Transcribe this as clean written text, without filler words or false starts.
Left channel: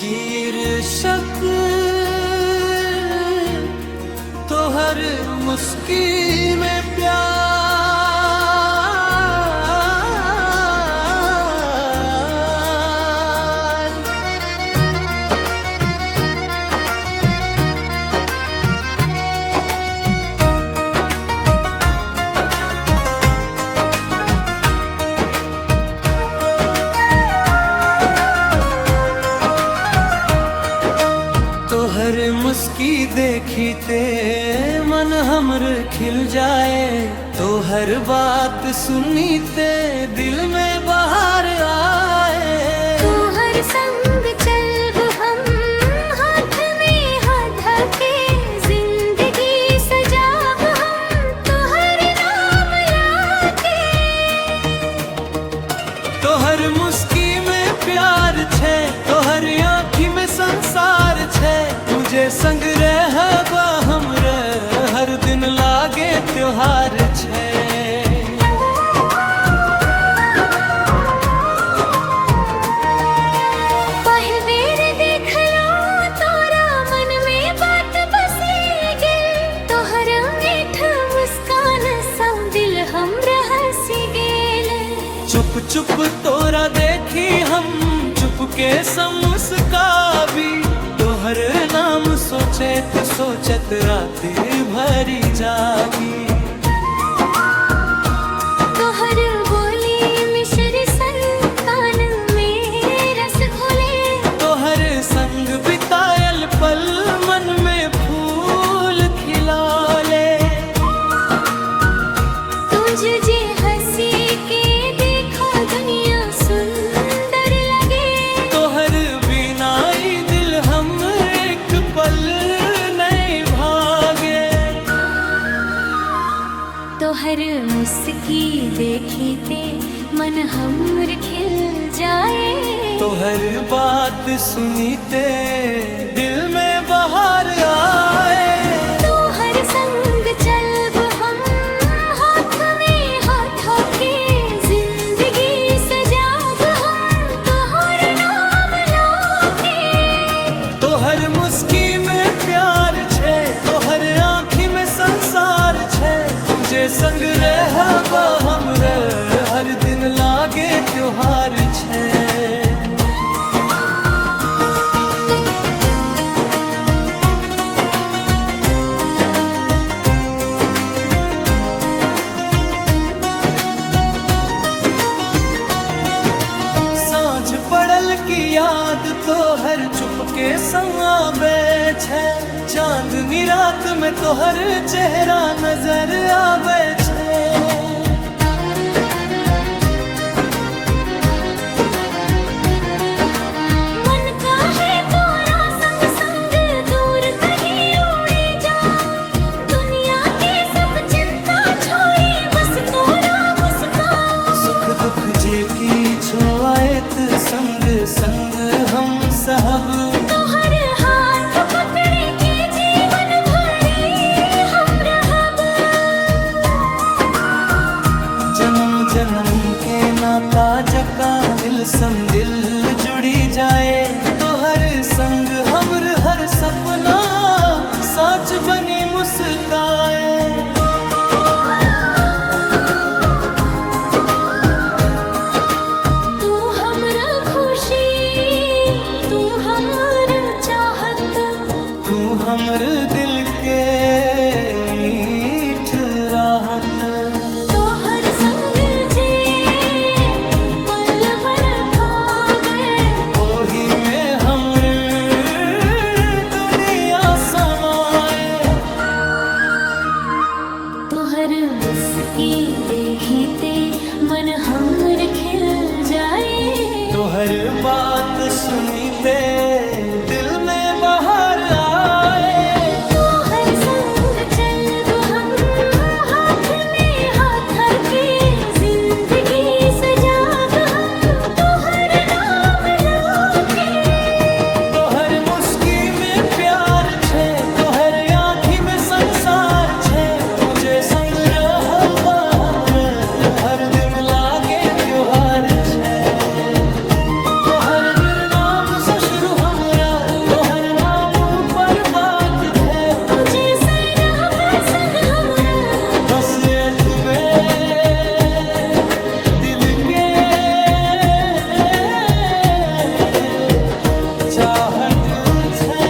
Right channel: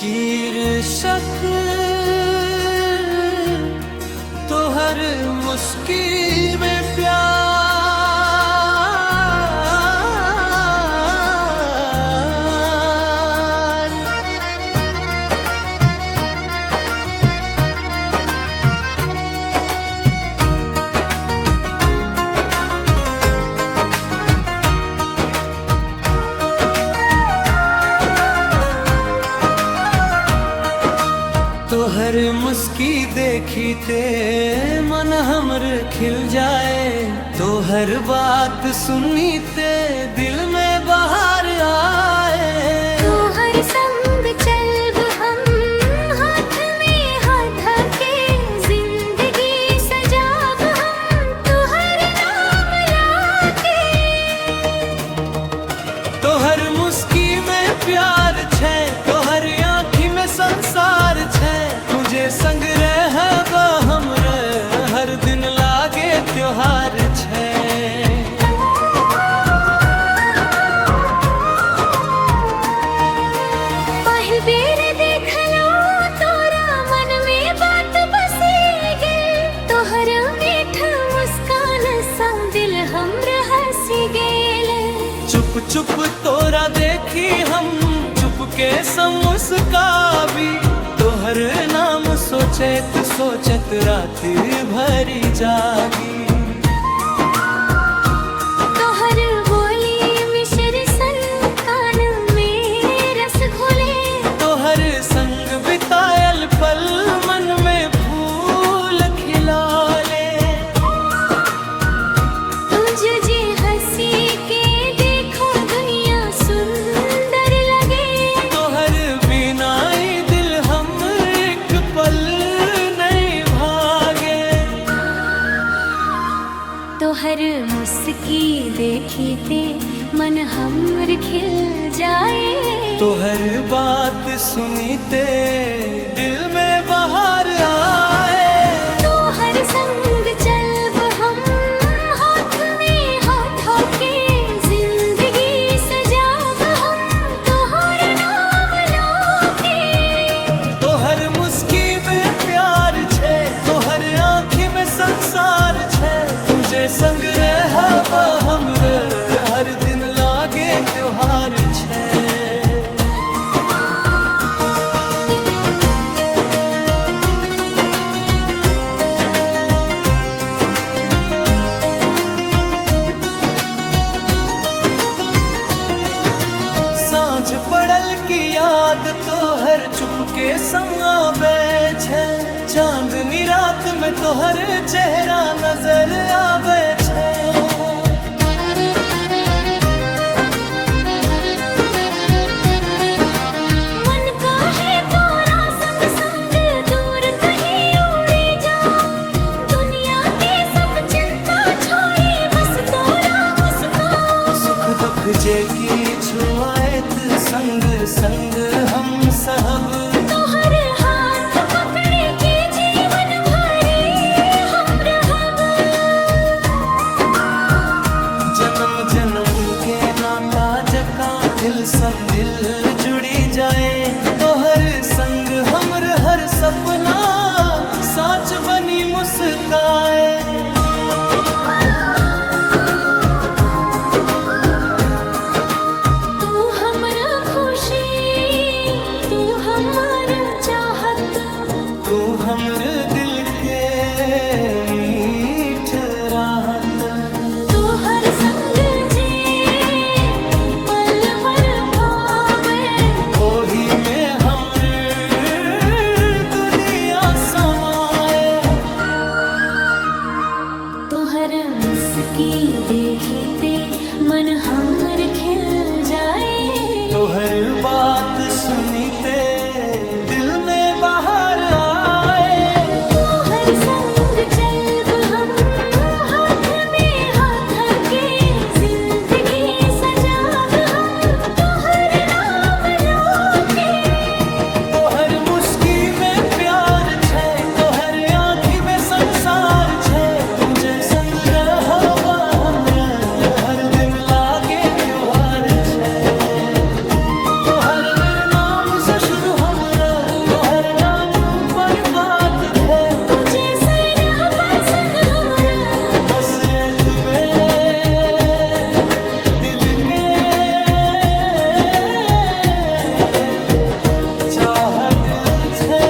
शीर्षक तो हर मुस्की में प्यार। तो हर मुस्की देखी ते मन हमर खिल जाए, तो हर बात सुनी ते दिल में बहार आए। तो हर संग चल हम हाथ में हाथ धके, जिंदगी सजाब हम तो हर नाम लाके। तो हर मुस्की में प्यार छे, तो हर आँखी में संसार छे, तुझे संग रहबा हमरे हर दिन लागे त्योहार छे। पहल बेर देख लो तोरा मन में बात बसे गेल, तोहर मीठ मुस्कान संग दिल हमरा हंसी गेल। चुप चुप तोरा देखी हम चुपके मुस्काबी, तोहर नाम सोचत सोचत रात भरी जागी। तोहर बोली मिश्री सन कान में रस घोले, तोहर संग बितायल पल मन में फूल खिलौले। तुझे जे हंसी के देखो दुनिया सुंदर लगे, तोहर बिना ही दिल हम एक पल नहीं भागे। तोहर मुस्की देखी ते मन हमर खिल जाए, तोहर बात सुनी ते दिल में बहार आए। तोहर संग चलब हम हाथ में हाथ होके, जिंदगी सजाब हम तोहर नाम लाके। तोहर मुस्की में प्यार छे, तोहर आँखी में संसार छे, तुझे संग रहबा हमरे हर दिन लागे त्योहार छे। सांझ पड़ल की याद तो हर चुपके संग आवे छे, चांदनी रात में तो हर चेहरा नजर आवे छे। मन का है तोरा संग संग दूर कहीं उड़े जाऊं, दुनिया की सब चिंता छोड़ी बस तोरा मुस्कान। सुख दुख जे की छुआएत संग संग हम सब, तोहर हाथ पकड़े के जीवन भरे हम रहब। जन्म जन्म के नाता जका दिल संग दिल जुड़ी जाए, तोहर संग हमर हर सपना साच बनी मुस्काए। खुशी तू हमर चाहत, तू हमर दिल के मीठ राहत। तोहर संग जे पल भर भावे, ओही में हमर दुनिया समाए। तोहर मुस्की देखी ते मन हमर खिल जाए, तोहर बात सुनी ते दिल में बहार आए। तोहर संग चलब हम हाथ में हाथ धके, जिंदगी सजाब हम तोहर नाम लाके। तोहर मुस्की में प्यार छे, तोहर आँखी में संसार छे, तुझे संग रहबा हमरे हर दिन लागे त्योहार छे। तोहर नाम से शुरू हमरा पर बात थे तुझे से रह संग हमरा बस एक बे दिल के चाहत छे